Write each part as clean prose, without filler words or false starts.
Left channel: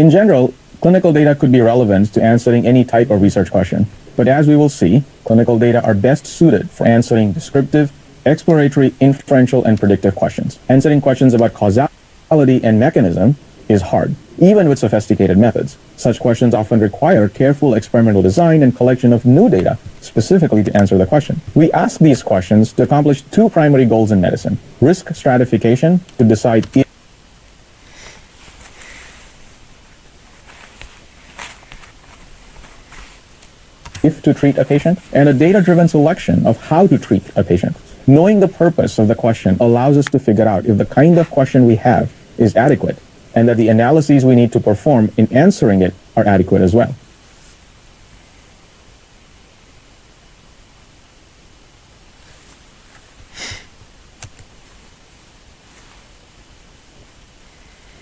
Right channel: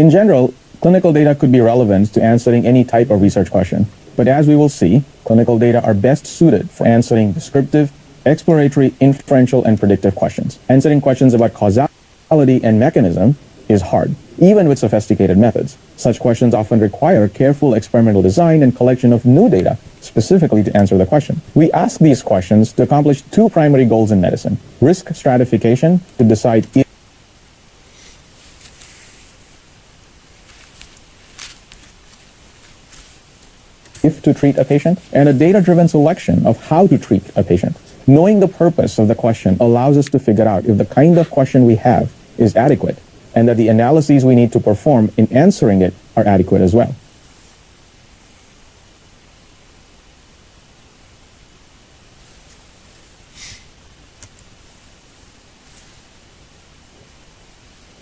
In general, clinical data could be relevant to answering any type of research question. But as we will see, clinical data are best suited for answering descriptive, exploratory, inferential, and predictive questions. Answering questions about causality and mechanism is hard, even with sophisticated methods. Such questions often require careful experimental design and collection of new data specifically to answer the question. We ask these questions to accomplish two primary goals in medicine: risk stratification to decide if to treat a patient, and a data-driven selection of how to treat a patient. Knowing the purpose of the question allows us to figure out if the kind of question we have is adequate, and that the analyses we need to perform in answering it are adequate as well.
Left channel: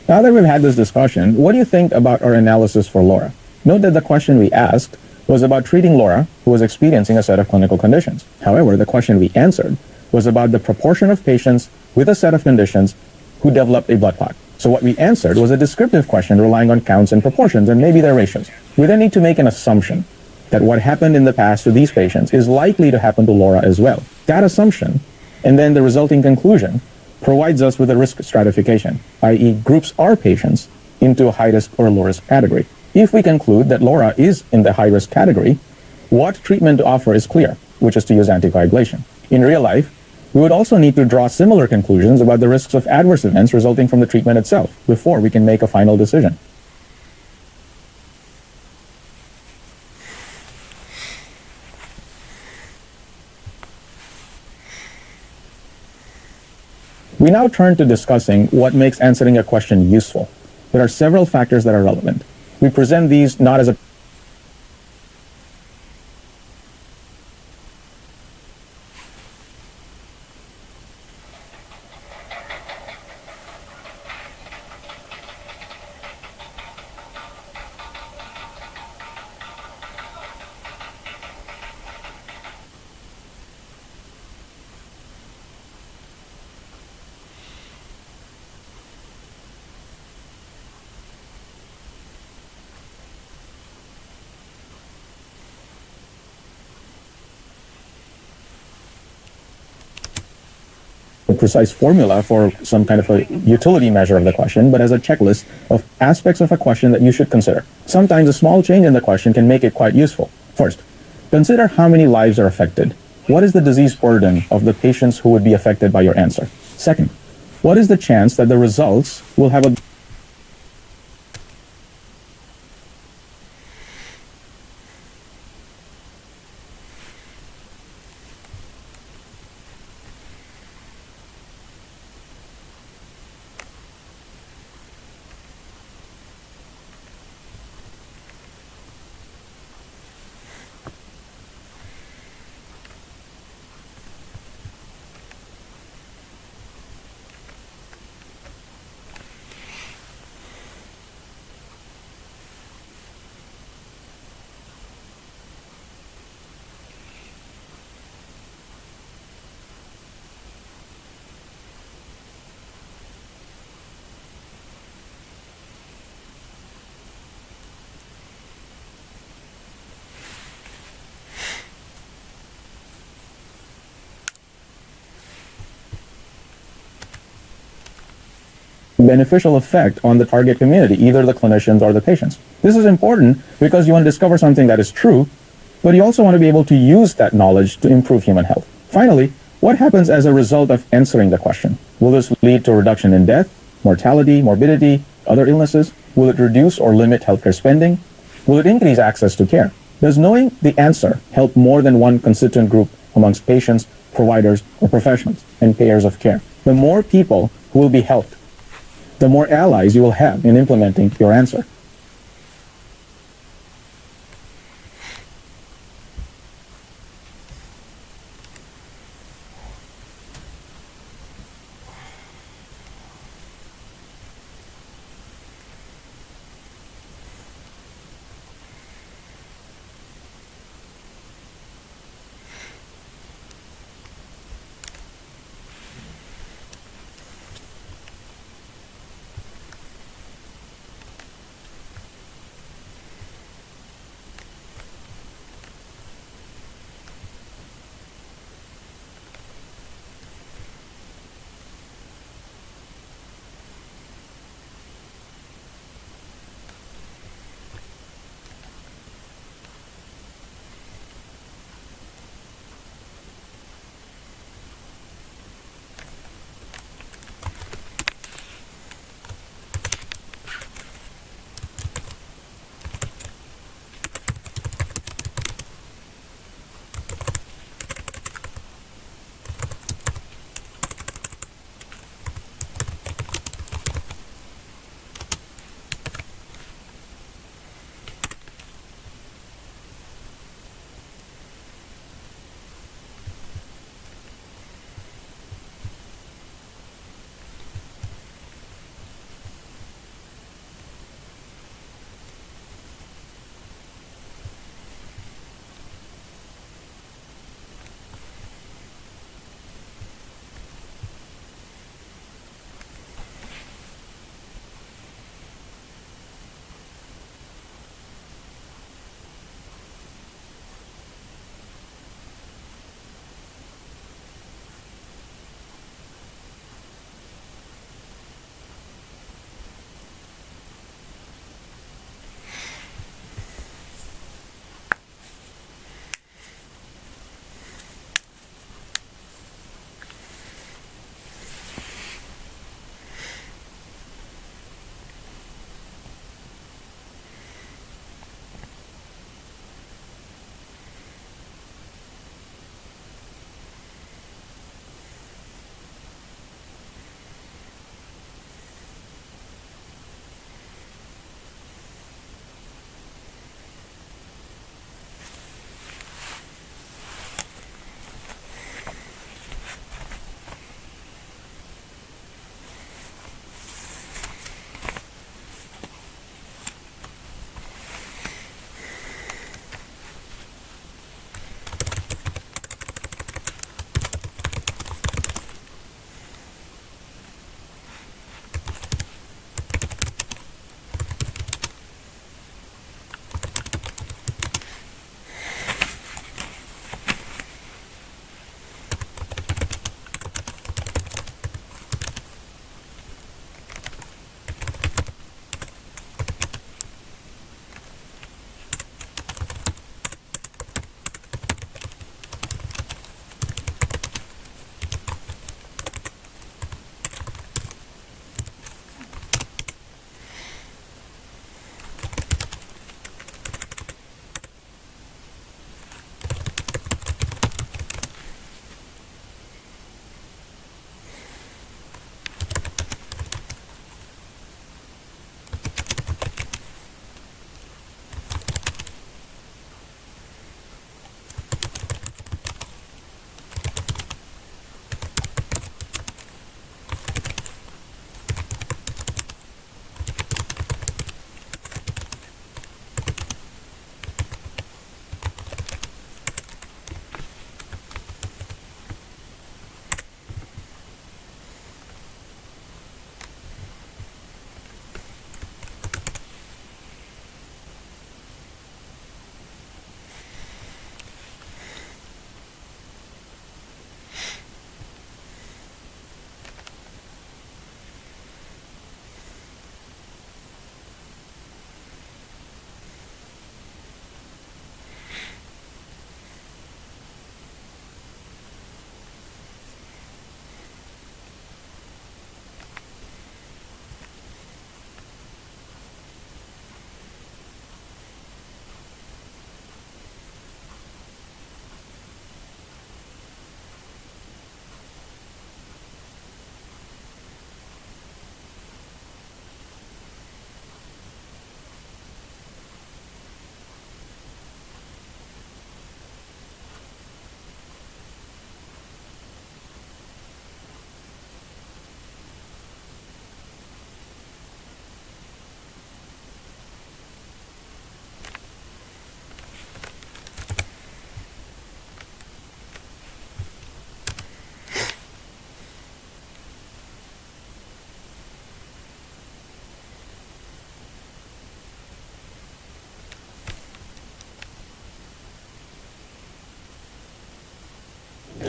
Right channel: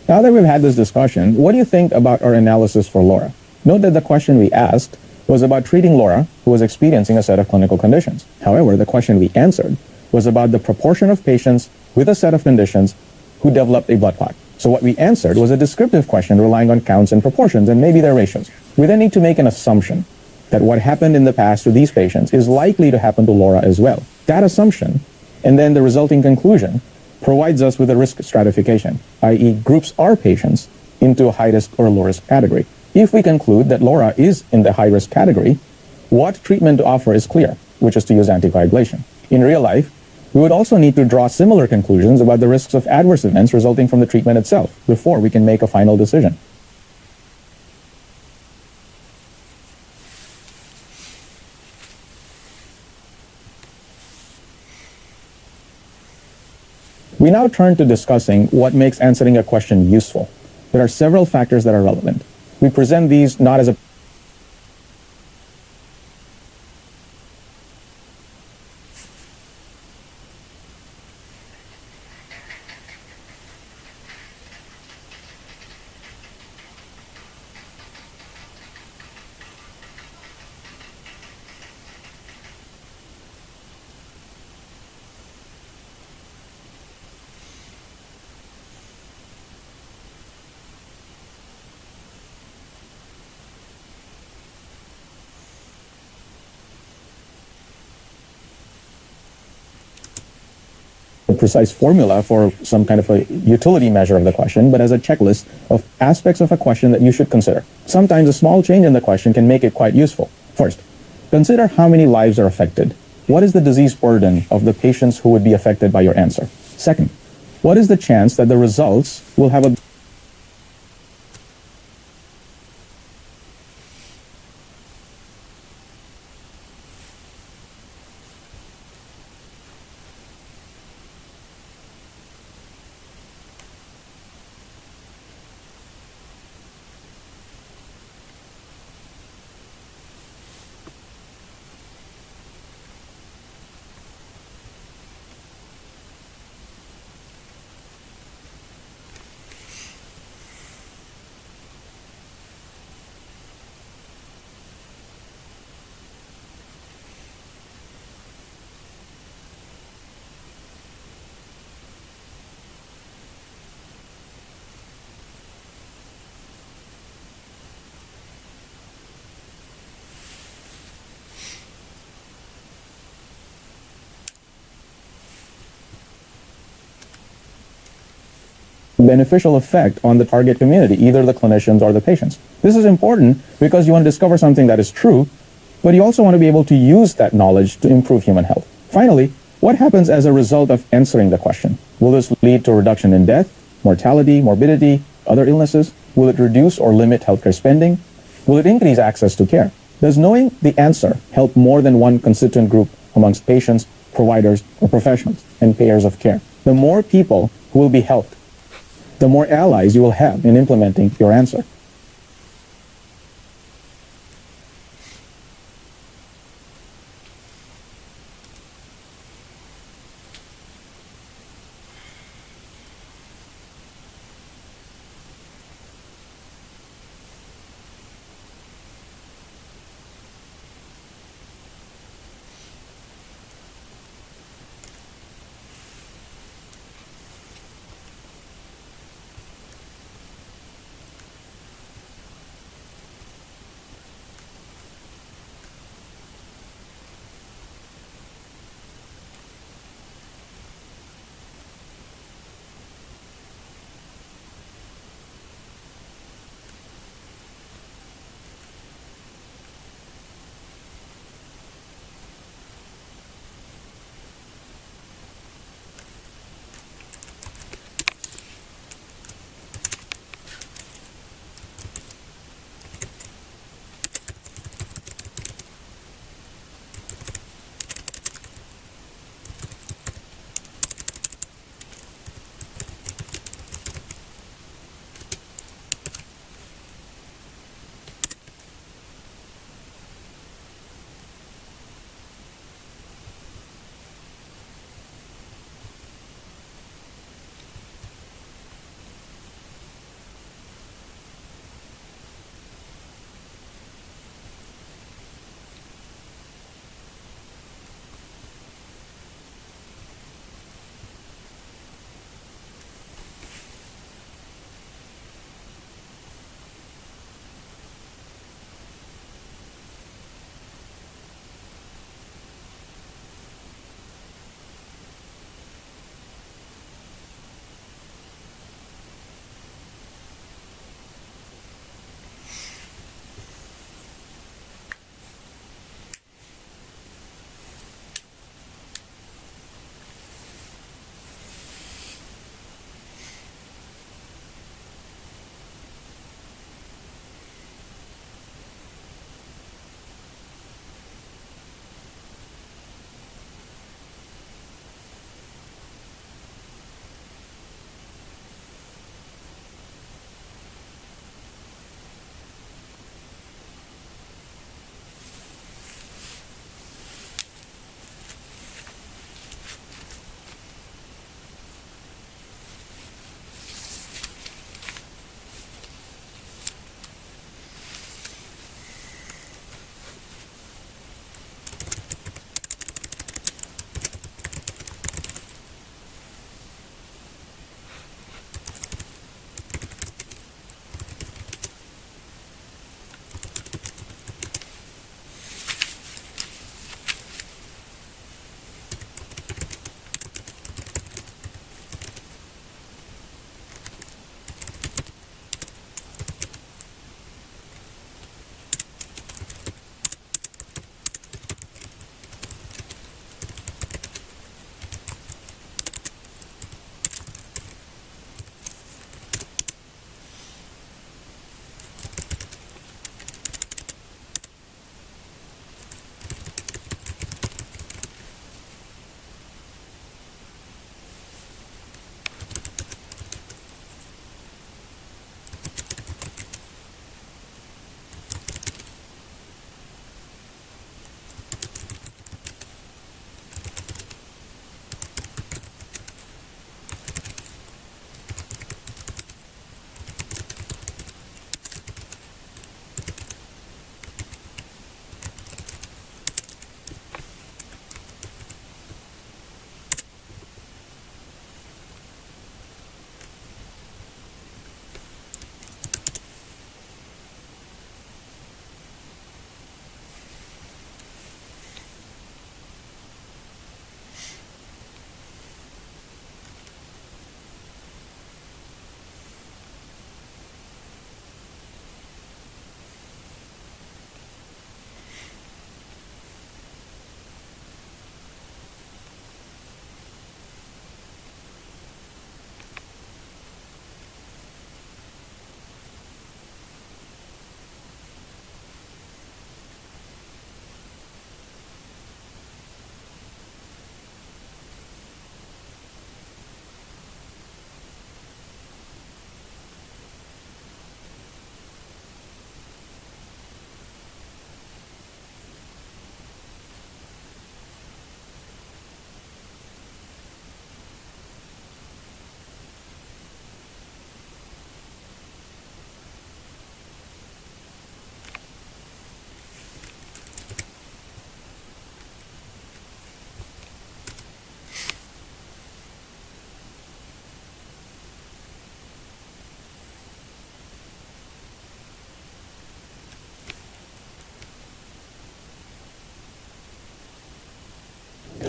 Now that we've had this discussion, what do you think about our analysis for Laura? Note that the question we asked was about treating Laura, who was experiencing a set of clinical conditions. However, the question we answered was about the proportion of patients with a set of conditions who developed a blood clot. So what we answered was a descriptive question relying on counts and proportions and maybe their ratios. We then need to make an assumption that what happened in the past to these patients is likely to happen to Laura as well. That assumption, and then the resulting conclusion, provides us with a risk stratification, i.e. groups our patients into a high-risk or low-risk category. If we conclude that Laura is in the high-risk category, what treatment to offer is clear, which is to use anticoagulation. In real life, we would also need to draw similar conclusions about the risks of adverse events resulting from the treatment itself before we can make a final decision. We now turn to discussing what makes answering a question useful. There are several factors that are relevant. We present these not as a precise formula for some kind of a utility measure of the question, but as a checklist of aspects of a question that you should consider. Sometimes a small change in the question can make it quite useful. First, consider how many lives are affected. What is the disease burden of the patients who would be affected by your answer? Second, what is the chance that the results will have a beneficial effect on the target community, either the clinicians or the patients. This is important because you want to discover something that is true, but you also want to be able to use that knowledge to improve human health. Finally, what happens as a result of answering the question? Will this lead to a reduction in death, mortality, morbidity, other illnesses? Will it reduce or limit healthcare spending? Will it increase access to care? Does knowing the answer help more than one constituent group amongst patients, providers, or professionals and payers of care? The more people who will be helped, the more allies you will have in implementing your answer.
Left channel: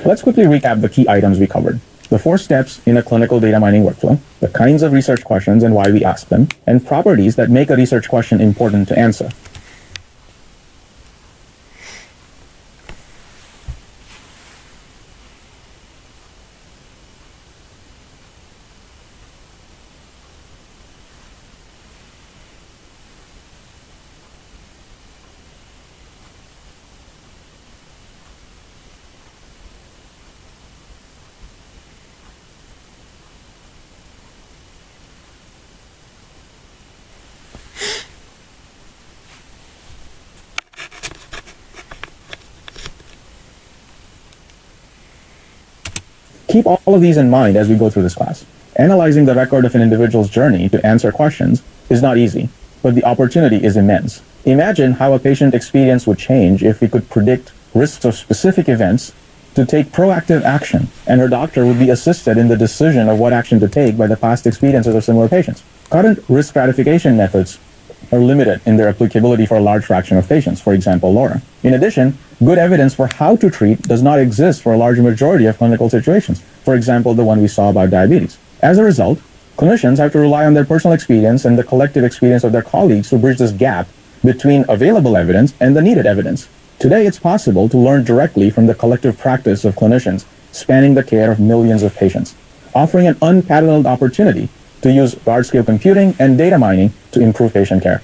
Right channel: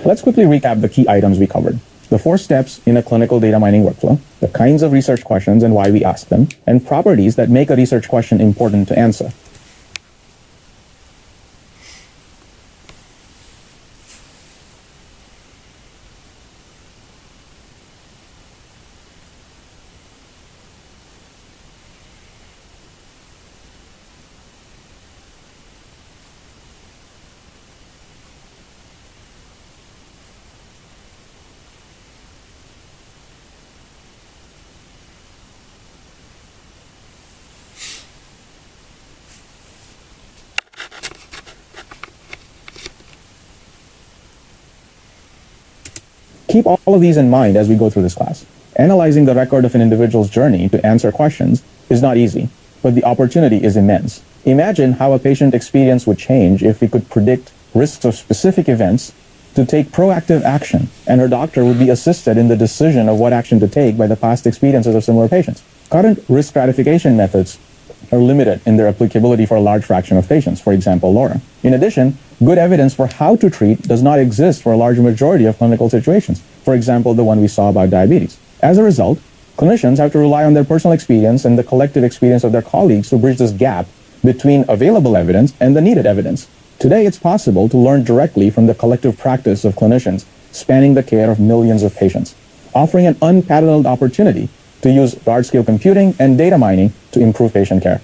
Let's quickly recap the key items we covered. The 4 steps in a clinical data mining workflow, the kinds of research questions and why we ask them, and properties that make a research question important to answer. Keep all of these in mind as we go through this class. Analyzing the record of an individual's journey to answer questions is not easy, but the opportunity is immense. Imagine how a patient experience would change if we could predict risks of specific events to take proactive action, and her doctor would be assisted in the decision of what action to take by the past experiences of similar patients. Current risk stratification methods are limited in their applicability for a large fraction of patients, for example, LoRa. In addition, good evidence for how to treat does not exist for a large majority of clinical situations, for example, the one we saw about diabetes. As a result, clinicians have to rely on their personal experience and the collective experience of their colleagues to bridge this gap between available evidence and the needed evidence. Today, it's possible to learn directly from the collective practice of clinicians spanning the care of millions of patients, offering an unparalleled opportunity to use large-scale computing and data mining to improve patient care.